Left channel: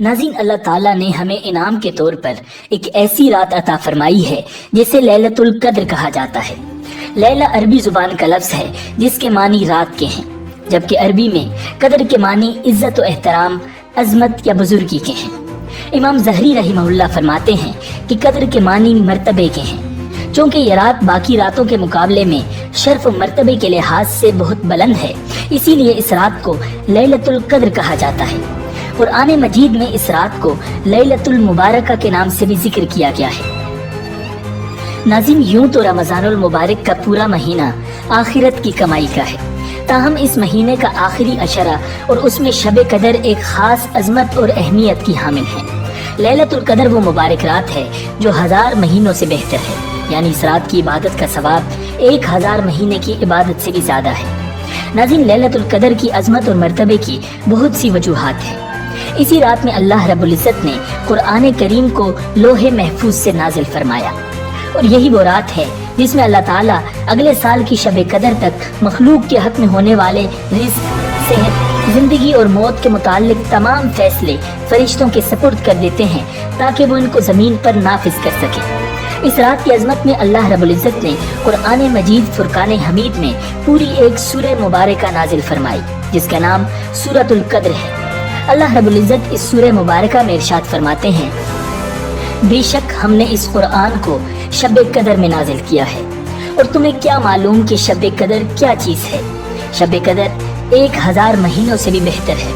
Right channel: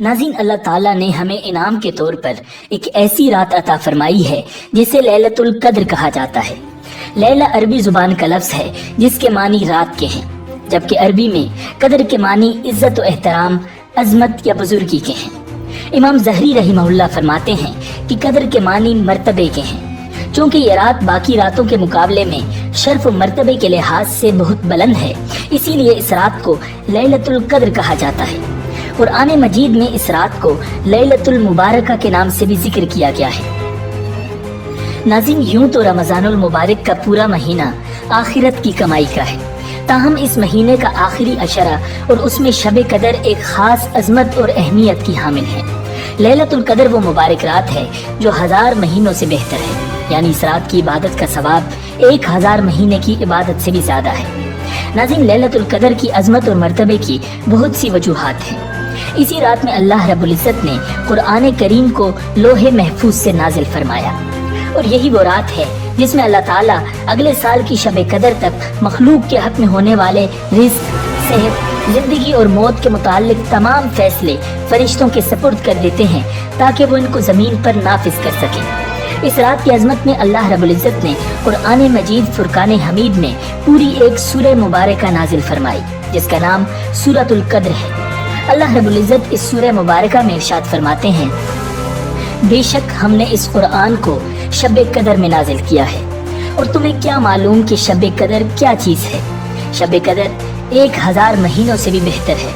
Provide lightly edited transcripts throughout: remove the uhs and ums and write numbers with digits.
ناظرین، اللہ تعالیٰ نے ہمیں انعام کے طور پر ایک ایسی رات عطا فرمائی ہے جسے لیلۃ القدر کہا جاتا ہے۔ لیلہ عربی زبان کا لفظ ہے جس کے معنی رات کے ہیں، جبکہ عربی میں قدر کے معنی عزت و احترام، عظمت یا بزرگی کے ہیں۔ امام زہری رحمہ اللہ فرماتے ہیں کہ قدر کے معنی مرتبے کے ہیں، چونکہ یہ رات باقی راتوں کے مقابلے میں شرف و مرتبے کے لحاظ سے بہت بلند ہے، اسی لیے اس رات کو لیلۃ القدر کہا جاتا ہے۔ قرآن مجید میں اس رات کو لیلۃ المبارکہ کے نام سے بھی ذکر کیا گیا ہے۔ ناظرین، یوں تو رمضان المبارک کا پورا مہینہ آخرت کی کمائی کا ہے، تاہم اس مہینے کا آخری عشرہ اور اس میں شب قدر ایک خاص عظمت اور اہمیت کی حامل ہے۔ لیلۃ القدر وہ مبارک رات ہے جو 1000 مہینوں سے بہتر ہے، یعنی اس رات کی عبادت کا ثواب 1000 مہینے کی عبادت سے بھی زیادہ ہے۔ ناظرین، لیلۃ القدر کی عظمت اور مرتبے کی بہت سی وجوہات ہیں۔ اسی رات میں اللہ رب العزت نے قرآن کریم کو لوح محفوظ سے نازل فرمایا، اور یہی وہ رات ہے جس میں اللہ تعالیٰ اگلے سال کی شب قدر تک مخلوق کے حق میں ہونے والے رزق، صحت، زندگی اور موت کے متعلق تمام فیصلے فرشتوں کے سپرد کر دیتے ہیں تاکہ وہ ان کو زمین پر نافذ کر سکیں۔ اس رات کی عظمت میں اللہ رب العزت نے قرآن مجید فرقان حمید میں پوری ایک سورہ مبارکہ نازل فرمائی جس کا نام سورۃ القدر ہے۔ اللہ رب العزت اس سورہ مبارکہ میں ارشاد فرماتے ہیں، بے شک ہم نے اس قرآن کو شب قدر میں نازل کیا ہے، اور تمہیں کیا معلوم کہ شب قدر کیا چیز ہے؟ شب قدر 1000 مہینوں سے بھی بہتر ہے۔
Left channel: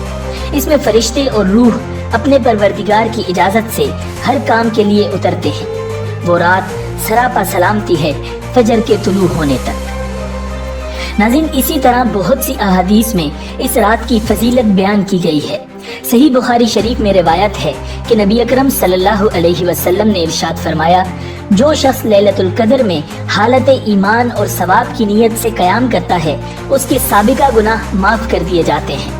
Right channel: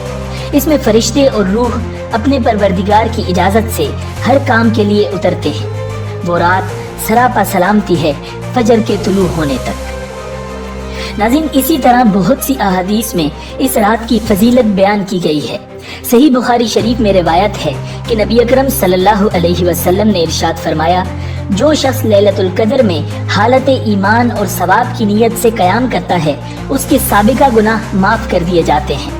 اس میں فرشتے اور روح اپنے پروردگار کی اجازت سے ہر کام کے لیے اترتے ہیں۔ وہ رات سراپا سلامتی ہے فجر کے طلوع ہونے تک۔ ناظرین، اسی طرح بہت سی احادیث میں اس رات کی فضیلت بیان کی گئی ہے۔ صحیح بخاری شریف میں روایت ہے کہ نبی اکرم صلی اللہ علیہ وسلم نے ارشاد فرمایا، جو شخص لیلۃ القدر میں حالت ایمان اور ثواب کی نیت سے قیام کرتا ہے اس کے سابقہ گناہ معاف کر دیے جاتے ہیں۔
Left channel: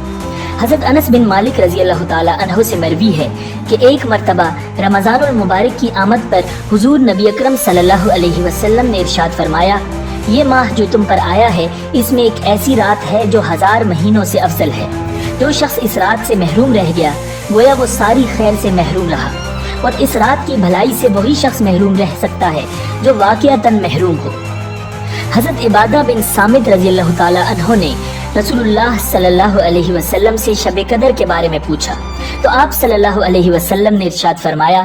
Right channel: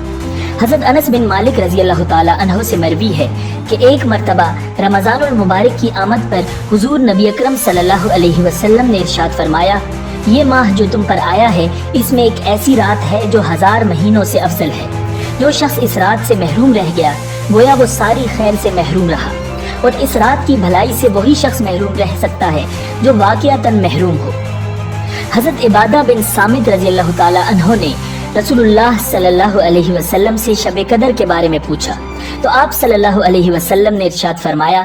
حضرت انس بن مالک رضی اللہ تعالی عنہ سے مروی ہے کہ ایک مرتبہ رمضان المبارک کی آمد پر حضور نبی اکرم صلی اللہ علیہ وسلم نے ارشاد فرمایا، یہ ماہ جو تم پر آیا ہے اس میں ایک ایسی رات ہے جو 1000 مہینوں سے افضل ہے۔ جو شخص اس رات سے محروم رہ گیا گویا وہ ساری خیر سے محروم رہا، اور اس رات کی بھلائی سے وہی شخص محروم رہ سکتا ہے جو واقعتاً محروم ہو۔ حضرت عبادہ بن صامت رضی اللہ تعالی عنہ نے رسول اللہ صلی اللہ علیہ وسلم سے شب قدر کے بارے میں پوچھا تو آپ صلی اللہ علیہ وسلم نے ارشاد فرمایا،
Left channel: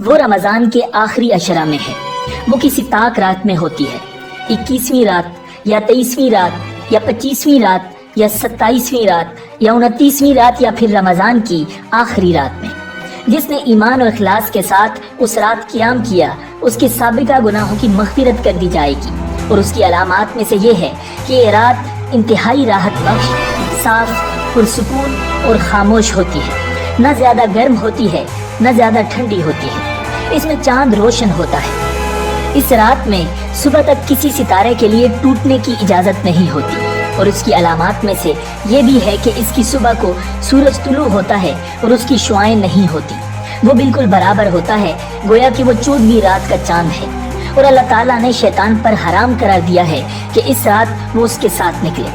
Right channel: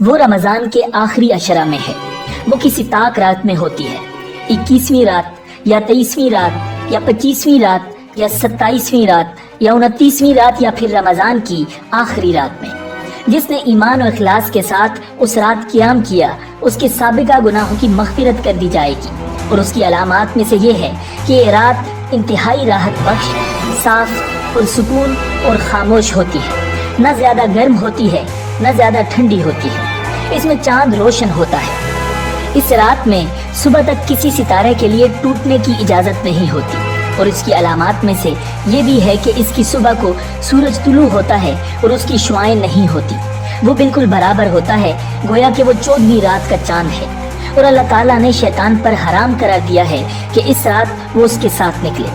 وہ رمضان کے آخری عشرہ میں ہے، وہ کسی طاق رات میں ہوتی ہے، 21ویں رات یا 23ویں رات یا 25ویں رات یا 27ویں رات یا 29ویں رات یا پھر رمضان کی آخری رات میں۔ جس نے ایمان و اخلاص کے ساتھ اس رات قیام کیا اس کے سابقہ گناہوں کی مغفرت کر دی جائے گی، اور اس کی علامات میں سے یہ ہے کہ یہ رات انتہائی راحت بخش، صاف، پرسکون اور خاموش ہوتی ہے، نہ زیادہ گرم ہوتی ہے نہ زیادہ ٹھنڈی ہوتی ہے۔ اس میں چاند روشن ہوتا ہے۔ اس رات میں صبح تک کسی ستارے کے لیے ٹوٹنے کی اجازت نہیں ہوتی، اور اس کی علامات میں سے یہ بھی ہے کہ اس کی صبح کو سورج طلوع ہوتا ہے اور اس کی شعاعیں نہیں ہوتی، وہ بالکل برابر ہوتا ہے گویا کہ وہ 14ویں رات کا چاند ہے، اور اللہ تعالیٰ نے شیطان پر حرام قرار دیا ہے کہ اس رات وہ اس کے ساتھ نکلے۔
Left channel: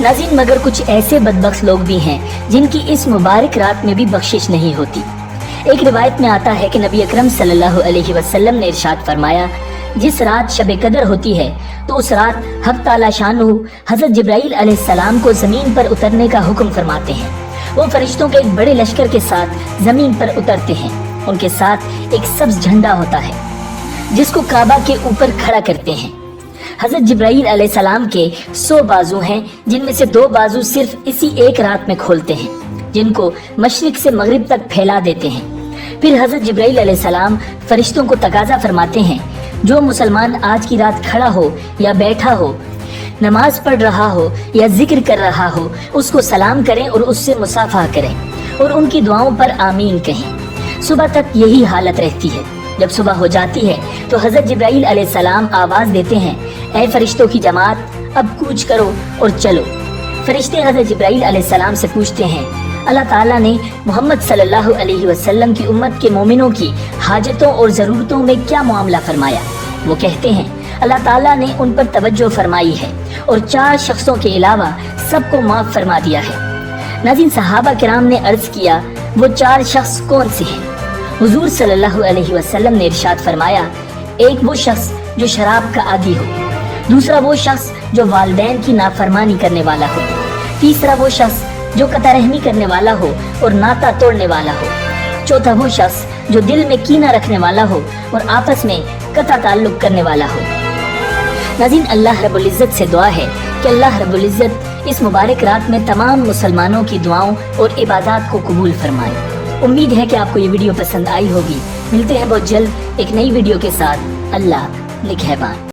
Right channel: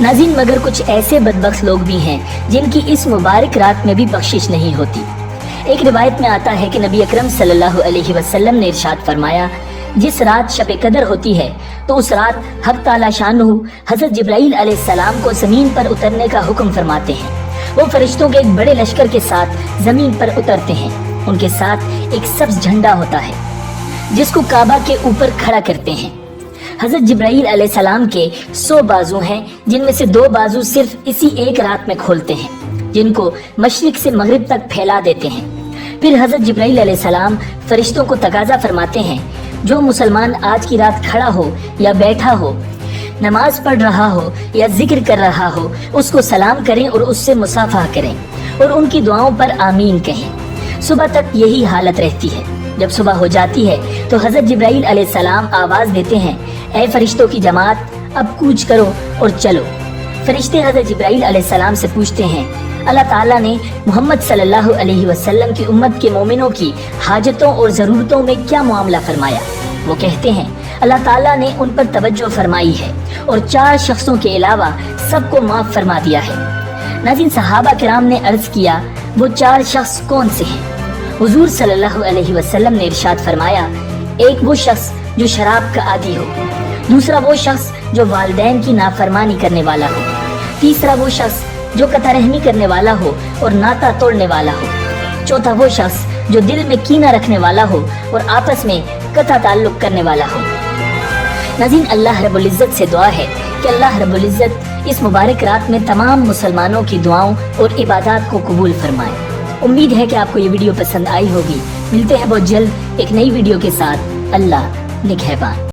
ناظرین، مگر کچھ ایسے بدبخت لوگ بھی ہیں جن کی اس مبارک رات میں بھی بخشش نہیں ہوتی۔ ایک روایت میں آتا ہے کہ نبی اکرم صلی اللہ علیہ وسلم نے ارشاد فرمایا، جس رات شب قدر ہوتی ہے تو اس رات حق تعالی شانہ حضرت جبرائیل علیہ السلام کو زمین پر اترنے کا حکم فرماتے ہیں۔ وہ فرشتوں کے ایک بڑے لشکر کے ساتھ زمین پر اترتے ہیں، ان کے ساتھ ایک سبز جھنڈا ہوتا ہے جس کو کعبہ کے اوپر کھڑا کرتے ہیں۔ حضرت جبرائیل علیہ السلام کے 100 بازو ہیں، جن میں سے 2 بازو صرف اسی ایک رات میں کھولتے ہیں، جن کو مشرق سے مغرب تک پھیلا دیتے ہیں۔ پھر حضرت جبرائیل علیہ السلام فرشتوں کو تقاضا فرماتے ہیں، جو مسلمان آج کی رات کھڑا ہو یا بیٹھا ہو، نماز پڑھ رہا ہو یا ذکر کر رہا ہو، اس کو سلام کریں اور اس سے مصافحہ کریں اور ان کی دعاؤں پر آمین کہیں۔ صبح تک یہی حالت رہتی ہے۔ جب صبح ہو جاتی ہے تو حضرت جبرائیل علیہ السلام آواز دیتے ہیں، اے فرشتوں کی جماعت، اب کوچ کرو اور چلو۔ فرشتے حضرت جبرائیل علیہ السلام سے پوچھتے ہیں، اللہ تعالیٰ نے محمد صلی اللہ علیہ وسلم کی امت کے مومنوں کی حاجتوں اور ضرورتوں میں کیا معاملہ فرمایا؟ وہ کہتے ہیں، اللہ تعالیٰ نے ان پر توجہ فرمائی ہے اور 4 شخصوں کے علاوہ سب کو معاف فرما دیا ہے۔ ناظرین، صحابہ کرام نے عرض کیا، وہ 4 شخص کون سے ہیں؟ حضور صلی اللہ علیہ وسلم نے ارشاد فرمایا، ایک وہ شخص جو شراب کا عادی ہو، دوسرا وہ شخص جو والدین کی نافرمانی کرنے والا ہو، تیسرا وہ شخص جو قطع رحمی کرنے والا ہو اور ناتا توڑنے والا ہو، چوتھا وہ شخص جو دل میں کینہ رکھنے والا ہو اور آپس میں قطع تعلق کرنے والا ہو۔ ناظرین، اللہ رب العزت سے دعا ہے کہ اللہ رب العزت اس مبارک رات میں تمام مسلمانوں کی دعاؤں اور عبادات کو قبول فرمائے۔ امید ہے کہ آپ کو یہ ویڈیو پسند آئی ہوگی۔ ملتے ہیں بہت جلد ایک نئی ویڈیو کے ساتھ۔ اللہ نگہبان۔